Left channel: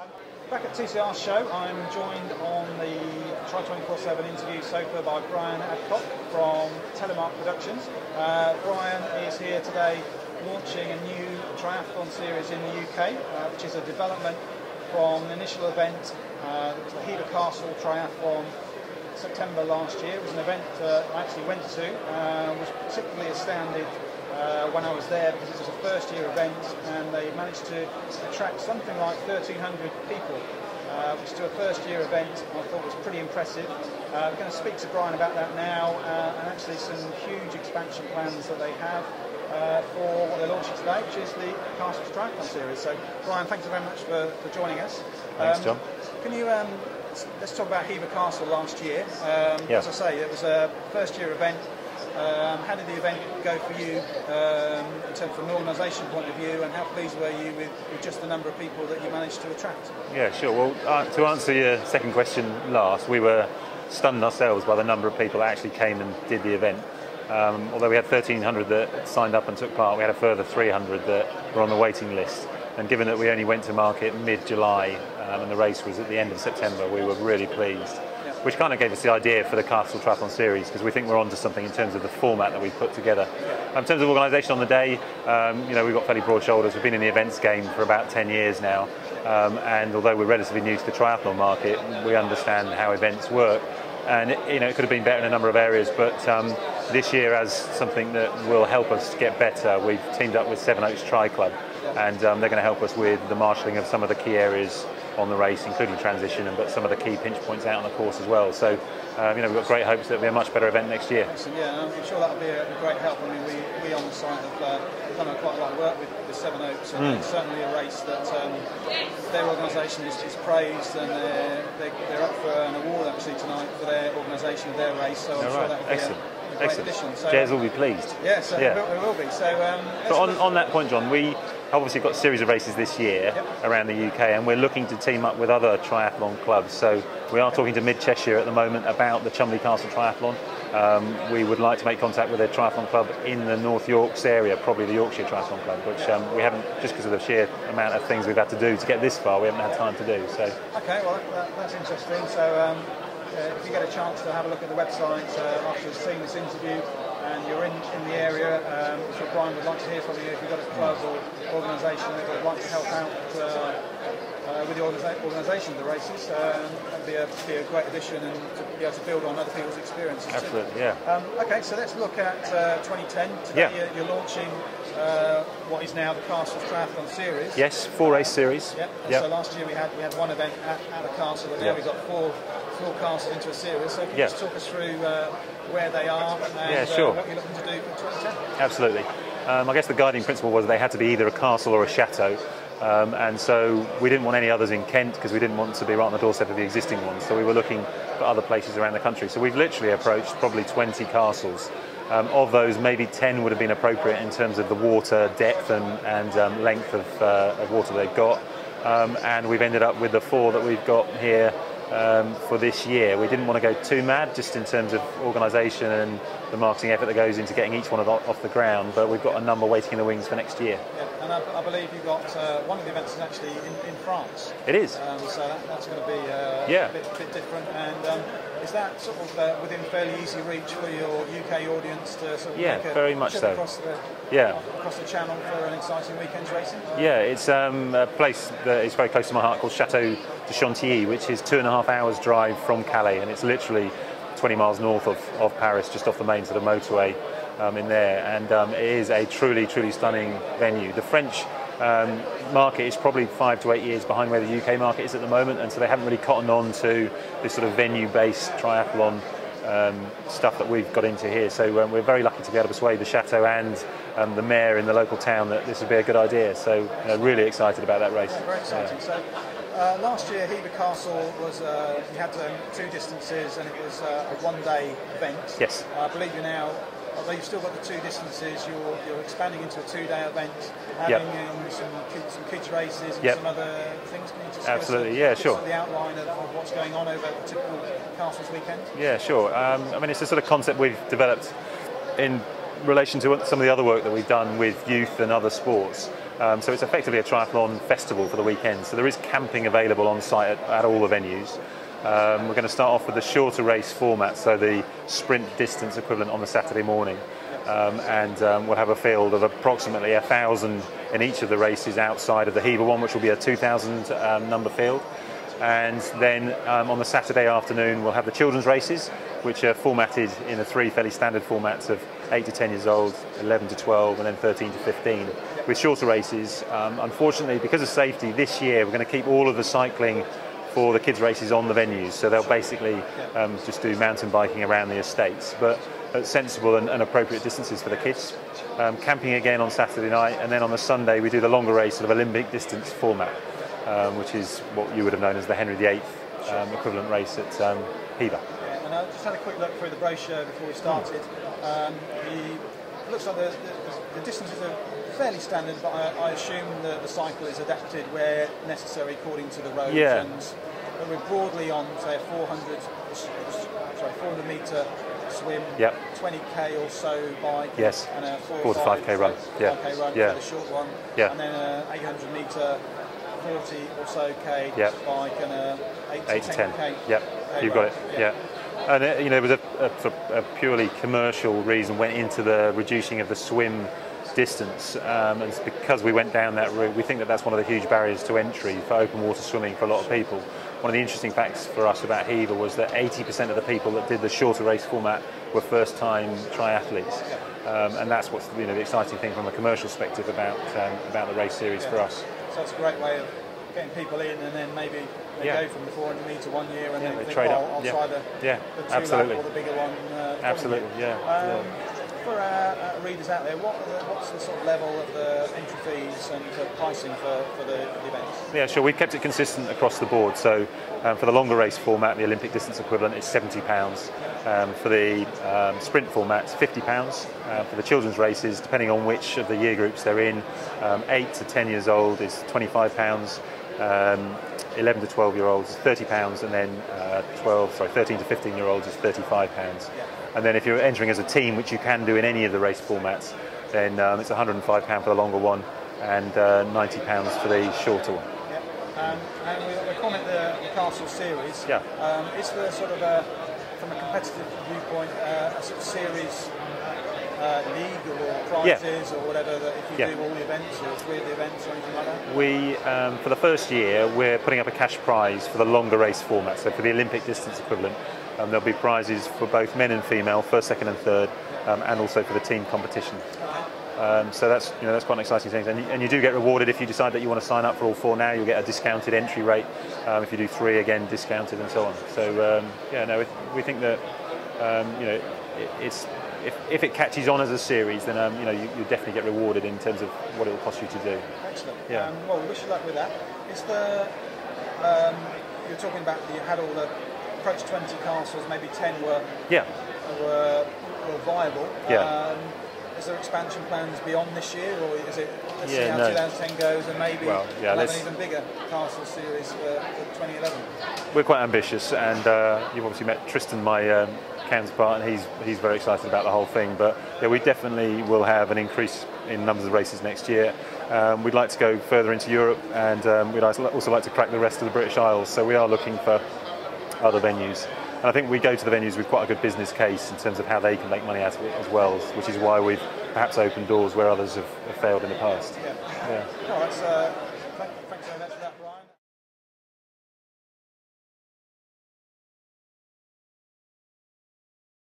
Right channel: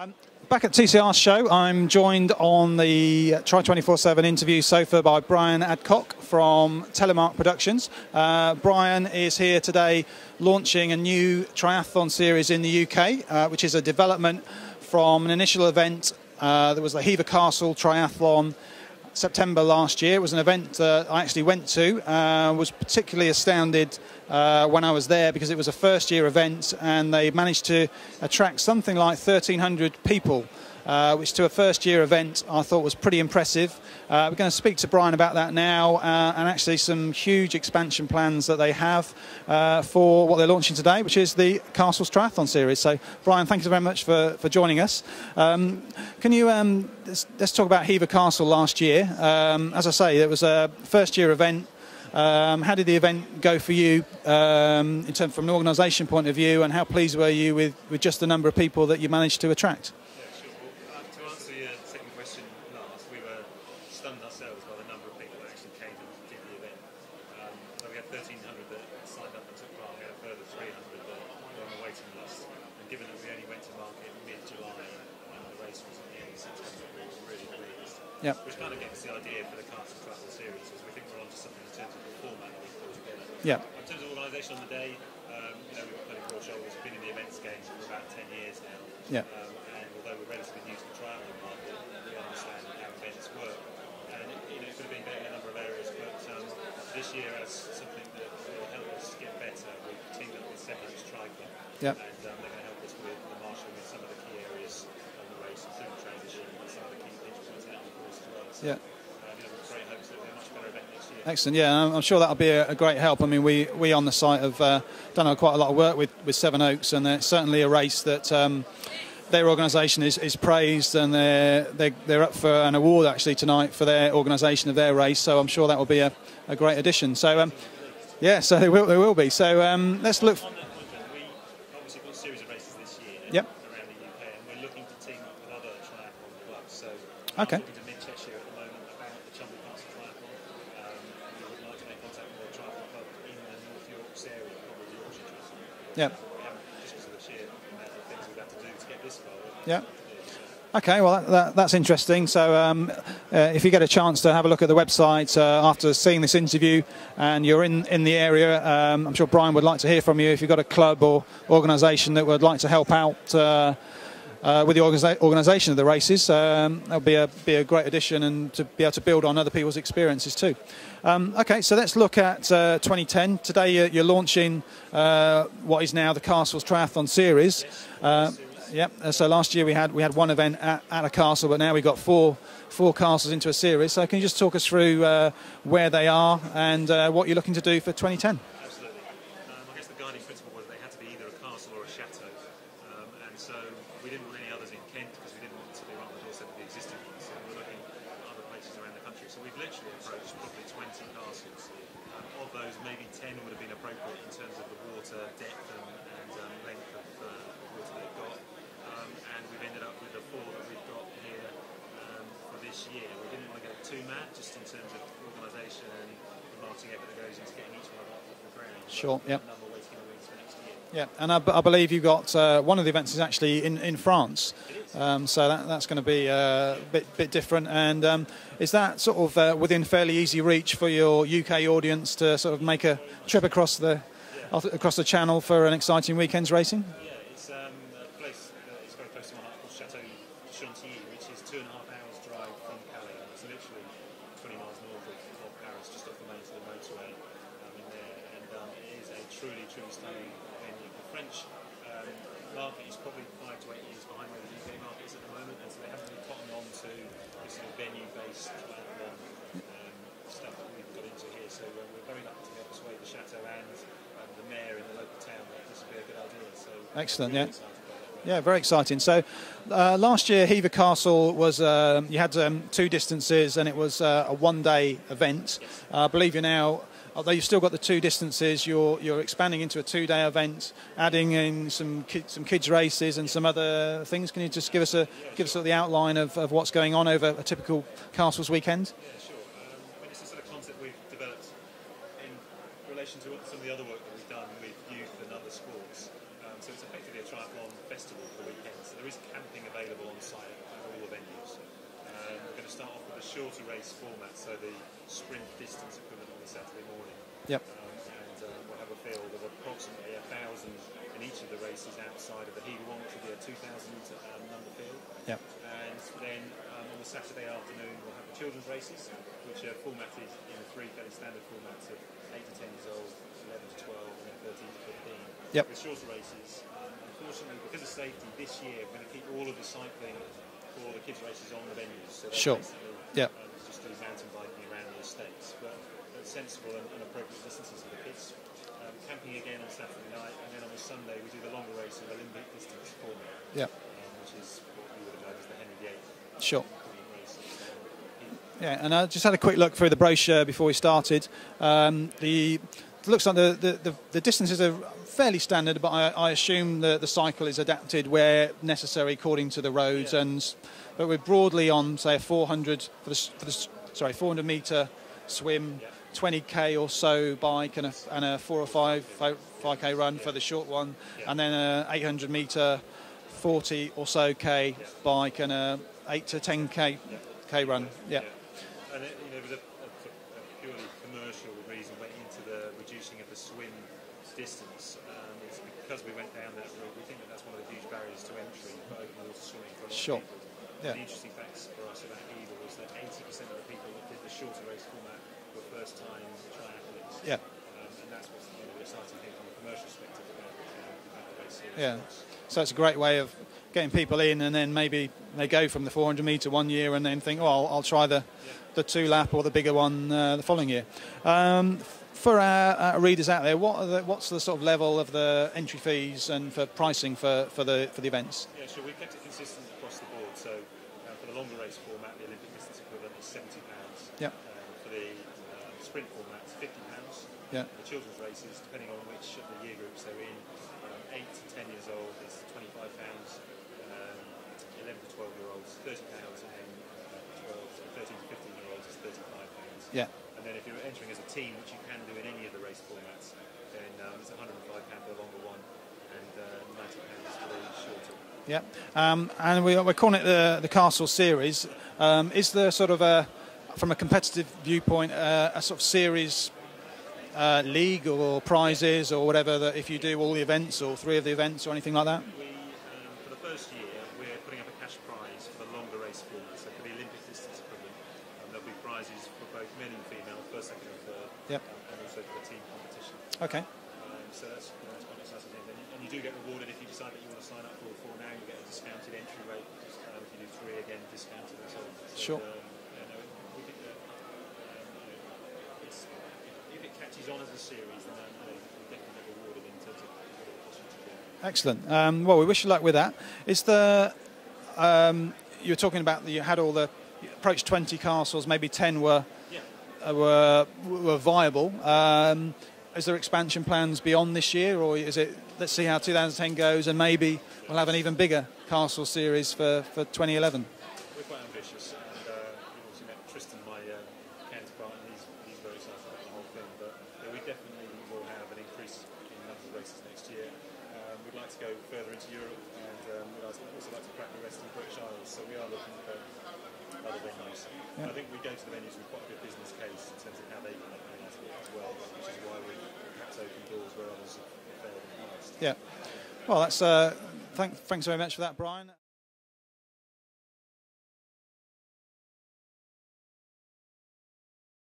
I'm back at TCR show. I'm joined on the Try 24/7 interview sofa by Brian Adcock from Telemark Productions. Brian is here today launching a new triathlon series in the UK, which is a development from an initial event. There was the Hever Castle Triathlon September last year. It was an event that I actually went to. Was particularly astounded when I was there because it was a first-year event and they managed to attract something like 1,300 people, which to a first-year event I thought was pretty impressive. We're going to speak to Brian about that now and actually some huge expansion plans that they have for what they're launching today, which is the Castles Triathlon Series. So, Brian, thank you very much for joining us. Thanks, John. Can you, let's talk about Hever Castle last year. As I say, it was a first-year event. How did the event go for you in terms from an organisation point of view, and how pleased were you with just the number of people that you managed to attract? Yeah, sure. Well, to answer your second question last, we were stunned ourselves by the number of people that actually came and did the event. Although we had 1,300 that signed up and took part, we had a further 300 that were on the waiting list. And given that we only went to market mid-July and the race was at the end of September, we were really pleased. Yep. Which kind of gave us the idea for the Castle Triathlon Series, because we think we're onto something in terms of the format that we've put together. Yep. In terms of organisation on the day, you know, we've got fairly broad shoulders. We've been in the events game for about 10 years now. Yep. And although we're relatively new to the triathlon market, we understand how events work. And you know, it could have been better in a number of areas, but this year, as something that will help us get better, we've teamed up with Seven Oaks Tri Club, yep. And they're going to help us with the marshalling of some of the key areas on the race, including transition, but some of the key pinch points out on the course as well. So, you know, we've got great hopes that it'll be a much better event next year. Excellent, yeah, and I'm sure that'll be a great help. I mean, we on the site have done quite a lot of work with Seven Oaks, and it's certainly a race that their organisation is praised, and they're up for an award actually tonight for their organisation of their race. So I'm sure that will be a great addition. So Jez will be pleased. Yeah, so they will be. So let's look on that point, John. We obviously got a series of races this year around the UK, and we're looking to team up with other triathlon clubs. So we are talking to Mid Cheshire at the moment about the Cholmondeley Castle Triathlon. We would like to make contact with a triathlon club in the North Yorks area, probably the Yorkshire Triathlon Club, which we haven't, just because of the sheer amount of things we've had to do to get this far, we haven't had time to do. So okay, well that's interesting. So if you get a chance to have a look at the website after seeing this interview, and you're in the area, I'm sure Brian would like to hear from you. If you've got a club or organisation that would like to help out with the organisation of the races, that'll be a great addition, and to be able to build on other people's experiences too. Absolutely, yeah. Okay, so let's look at 2010. Today you're launching what is now the Castles Triathlon Series. Yes, four-race series. Yep. So last year we had one event at a castle, but now we've got four castles into a series. So can you just talk us through where they are and what you're looking to do for 2010? Absolutely. I guess the guiding principle was they had to be either a castle or a chateau. And so we didn't want any others in Kent because we didn't want to be right on the doorstep of the existing ones. So we were looking for other places around the country. So we've literally approached probably 20 castles. Of those, maybe 10 would have been appropriate in terms of the water depth and length of water they've got. And we've ended up with the 4 that we've got here for this year. We didn't want to go too mad just in terms of organisation and the marketing effort that goes into getting each one off the ground, but we've got a number waiting in the wings for next year. Yeah, and I believe you've got one of the events is actually in France. It is. So that's going to be a bit different. And is that sort of within fairly easy reach for your UK audience to sort of make a trip across the channel for an exciting weekend's racing? Yeah, it's a place that is very close to my heart called Chateau de Chantilly, which is 2.5 hours drive from Calais, and it's literally 20 miles north of Paris, just off the main sort of motorway in there. And it is a truly stunning venue. The French market is probably 5 to 8 years behind where the UK market is at the moment, and so they haven't really cottoned on to this sort of venue-based triathlon stuff that we've got into here. So we're very lucky to be able to persuade the chateau and the mayor in the local town that this would be a good idea. So really excited about that race. Yeah, very exciting. So last year Hever Castle was you had 2 distances, and it was a one-day event. Yes. I believe you're now, although you've still got the 2 distances, you're expanding into a 2-day event, adding in some kids races and some other things. Can you just give us the outline of what's going on over a typical Castles weekend? Yeah, sure. I mean, it's a sort of concept we've developed in relation to some of the other work that we've done with youth and other sports. So it's effectively a triathlon festival for the weekend. So there is camping available on site at all the venues. We're going to start off with the shorter race format, so the sprint distance equivalent on the Saturday morning. Yep. And we'll have a field of approximately 1,000 in each of the races outside of the Hever one, which will be a 2,000 number field. Yep. And then on the Saturday afternoon, we'll have the children's races, which are formatted in the 3 fairly standard formats of 8 to 10 years old, 11 to 12, and then 13 to 15, yep. with shorter races. Unfortunately, because of safety, this year we're going to keep all of the cycling for the kids' races on the venues, so they'll sure. basically yep. Just do mountain biking around the estates, but at sensible and appropriate distances for the kids. Camping again on Saturday night, and then on the Sunday we do the longer race, sort of Olympic distance format, yep. Which is what you would have known as the Henry VIII sure. Equivalent race at Hever. Yeah, and I just had a quick look through the brochure before we started. It looks like the distances are fairly standard, but I assume the cycle is adapted where necessary according to the roads. Yeah. But we're broadly on, say, a 400 metre swim, yep. 20k or so bike, yes. and a 4 or 5k run, 5k run yeah. for the short one, yeah. and then a 800 metre 40 or so k yep. bike, and a 8 to 10k. Yep. You've run. got it. Yep. Yeah. And it was a purely commercial reason went into the reducing of the swim distance, and it's because we went down that route. We think that that's one of the huge barriers to entry for open water swimming for a lot sure. of people. One of the interesting facts for us about Hever was that 80% of the people that did the shorter race format were first-time triathletes, yep. And that's what's the exciting thing from a commercial perspective about the race series yeah. for us. So it's a great way of getting people in, and then maybe they yeah. go from the 400 metre 1 year and then think, I'll yeah. try the yeah. 2-lap or the bigger one the following year. Yeah. For our readers out there, what's the sort of level of the entry fees and for pricing for the events? Yeah, sure. We've kept it consistent across the board. So for the longer race format, the Olympic distance equivalent is £70. Yep. For the sprint format, it's £50. For the children's races, depending on which of the year groups they're in, 8 to 10 years old is £25. 11 to 12 year olds is £30, and then 13 to 15 year olds is £35. Yeah. And then if you're entering as a team, which you can do in any of the race formats, then it's £105 for the longer one and £90 for the shorter one. Yeah. And we're calling it the Castle Series. Yeah. Is there sort of from a competitive viewpoint, a sort of series league or prizes, yeah. or whatever, that if you yeah. do all the events or 3 of the events or anything like that? We, for the first year, we're putting up a cash prize for the longer race format. So for the Olympic distance equivalent, there'll be prizes for both men and female, first, second and third, yeah. And also for the team competition. Okay. So that's quite an exciting thing, and you do get rewarded if you decide that you want to sign up for all 4 now. You'll get a discounted entry rate. If you do 3, again discounted, and so on. So we think that it's. If it catches on as a series, then you definitely get rewarded in terms of what it will cost you to do. Excellent. Yeah. Well, we wish you luck with that. Is you were talking about that you had all the approach 20 castles, maybe 10 were viable. Yeah. Is there expansion plans beyond this year, or is it let's see how no. 2010 goes, and maybe we'll have an even bigger castle series for 2011? We're quite ambitious, and you've obviously met Tristan, my counterpart, and he's very excited about the whole thing. But yeah, we definitely will have an increase in numbers of races next year. We'd like to go further into Europe, and we'd also like to crack the rest of the British Isles. So we are looking for other venues. And I think we go to the venues with quite a good business case in terms of how they can make money out of it as well, which is why we've perhaps opened doors where others have failed in the past. Yeah. Well, that's thanks very much for that, Brian.